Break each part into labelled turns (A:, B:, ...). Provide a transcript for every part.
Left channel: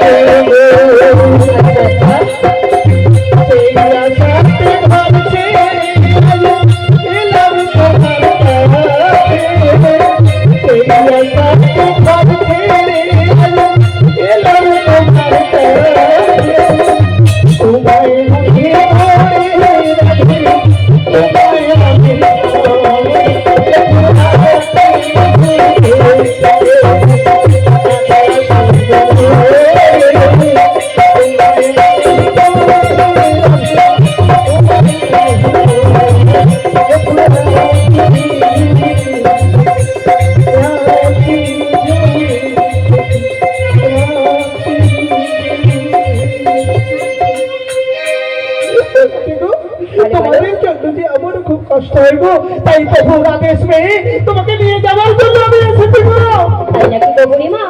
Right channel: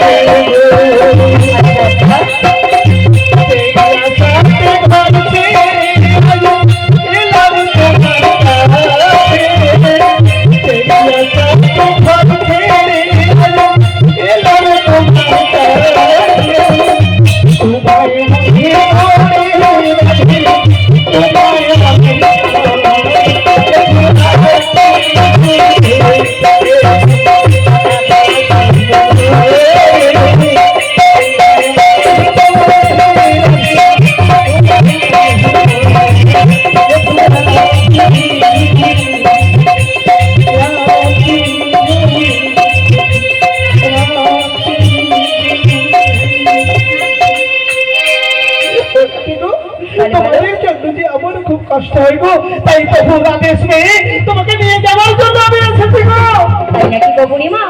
A: Thank you. তাই প্রভুর আদেশ মেয়ে তোমাকে নিয়ে যাওয়ার জন্য আমি এসেছি গো।
B: নাকি গো বুড়িমা?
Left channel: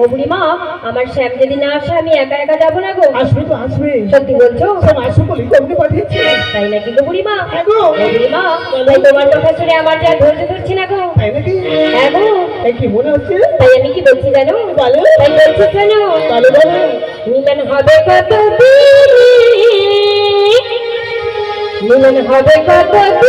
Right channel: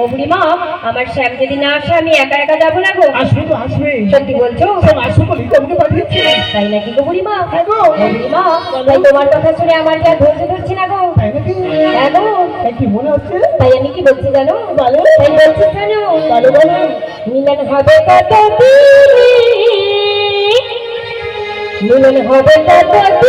B: ও বুড়িমা আমার শ্যাম যদি না আসে আমি একা একা যাব না গো?
A: আসবে তো আসবে।
B: সত্যি বলছো?
A: সব আসবে বলেই তোমাকে পাঠিয়েছি।
B: তাই নাকি গো বুড়িমা?
A: হ্যাঁ গো।
B: বুড়িমা তোমার কথা শুনে আমার যা ধৈর্য ধরছে না গো।
A: তাই নাকি?
B: হ্যাঁ গো।
A: কি মনে হচ্ছে?
B: তাই আমি কি বলছি জানো?
A: বলো।
B: তাই বলছি জানো?
A: বলো বলো।
B: মিলন হবে কত মিলন হবে কত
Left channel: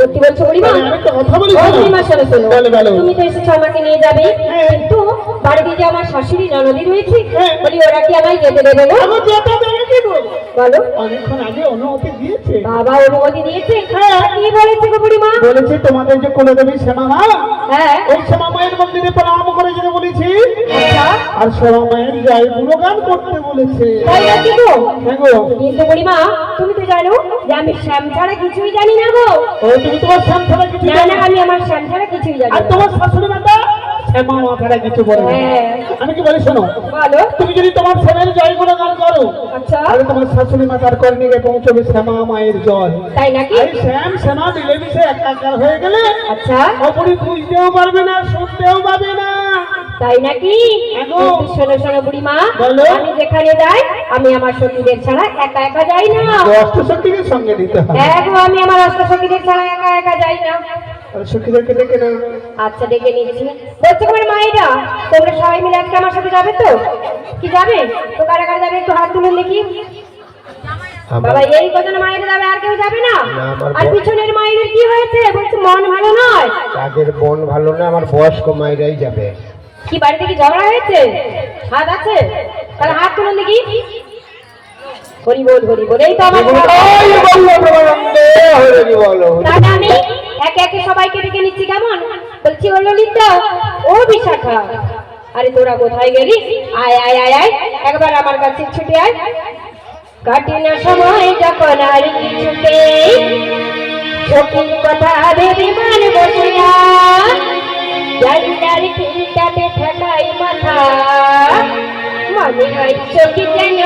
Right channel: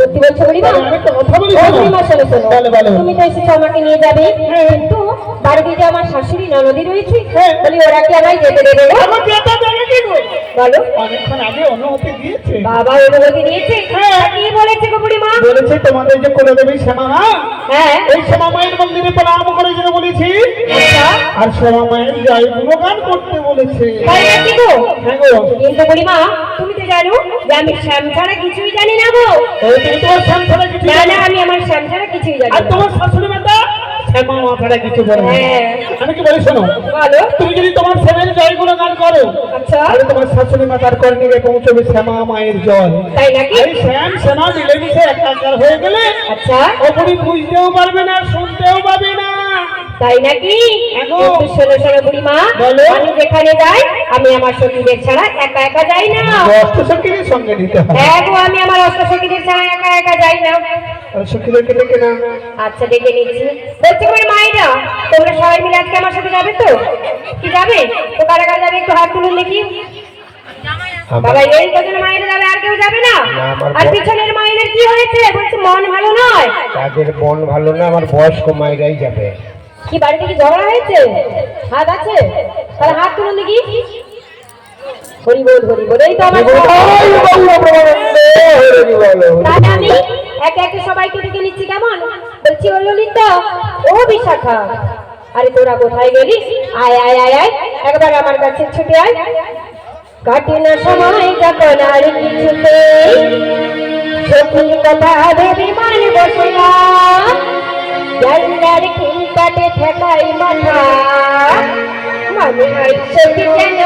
B: সত্যি বলছো
A: বলি বলো।
B: তুমি তো এসেছ আমাকে নিয়ে যাবে।
A: হ্যাঁ।
B: কিন্তু বাড়িতে যে আমার শাশুড়ি ননদি রয়েছে
A: হ্যাঁ।
B: বলি ওরা কি আমায় যেতে দেবে না বলো।
A: অনেকক্ষণ আগে অনুমতি দিয়েছে।
B: বাবা অনুমতি দিয়েছে?
A: হ্যাঁ।
B: কি বলেছে গো বুড়িমা?
A: বলেছে তোমাদের যে কোনো দেবী শ্যামা মা
B: হ্যাঁ।
A: ওই শ্যামা মায়ের মন্দিরে প্রণাম করে যেতে বলেছি আর শ্যামা মায়ের জয় গুণগান করতে বলেছে।
B: তাই নাকি গো?
A: হ্যাঁ গো।
B: কিন্তু বুড়িমা তুমি তো জানো? যে আমি শ্যাম ছাড়া কিছুই জানি না গো।
A: তুমি তোমার শ্যাম ছাড়া কিছু জানো?
B: না আমি আমার শ্যাম ছাড়া কিছুই জানি
A: আর তোমার শাশুড়ি মাতা? শ্যামা কিছু
B: হ্যাঁ।
A: আমি কি বলি শোনো?
B: বলো।
A: তুমি যদি তোমার ছেলের জয় গুণগান করো
B: আচ্ছা।
A: তাহলে তোমার শাশুড়ি মাতার কর্ণিকে পৌঁছবে শ্যামা মায়ের জল
B: তাই নাকি?
A: শ্যাম শ্যামা মিলেমিশে একাকার হয়ে গেলে
B: আচ্ছা।
A: বুঝতেও পারবে না শুনতেও পাবে না।
B: তাই নাকি? শোনো শোনো বুড়িমা।
A: বলো।
B: আমি যেখানে যাই আমি আমার সখীদের ছাড়া একা একা যাই না।
A: অষ্ট সঙ্গে নিতে
B: একদম আমি আমার অষ্ট সখীদের ছাড়া একা একা যাই না।
A: সখীদেরকে ডেকে না
B: আচ্ছা দেখে নিচ্ছি। বলছে করে মায়েরা তোমরা সবাই মিলে আজকে আমার সাথে যাবে তো? কি যাবে? তো কারা কারা যাবে একটু হাত তুলুন দেখি। বাবা এই কজন মায়েরা যাবে? আর কেউ যাবে না? আর পিছনের কি হয়েছে? বলছে মন ভালো নয়?
C: তাদের মন ভালো না আমার বয়স্ক মায়েরাই যাবে।
B: কি বাড়িতে কি ঝগড়া হয়েছে? হাত আছে? তাহলে হাত তুলুন দেখি। হরি বল হরি বল এই তো আমার
C: এই বলল প্রমানন্দে, হরি বলো, হরি
B: তাহলে আমি একে একে সবাইকে ডেকে নিচ্ছি কেমন? বলছি ও ললিতা ও বিশাখা। আরে তোরা কোথায় গেলি? আয় আয় আয় আয় একবার আমার কাছে ছুটে আয়। কাটে না সময় যখন আর কথা ভেবে মনে বসে জান্নার খিলটাতে ঠেকাই মাথা। মনে হচ্ছে কি যেন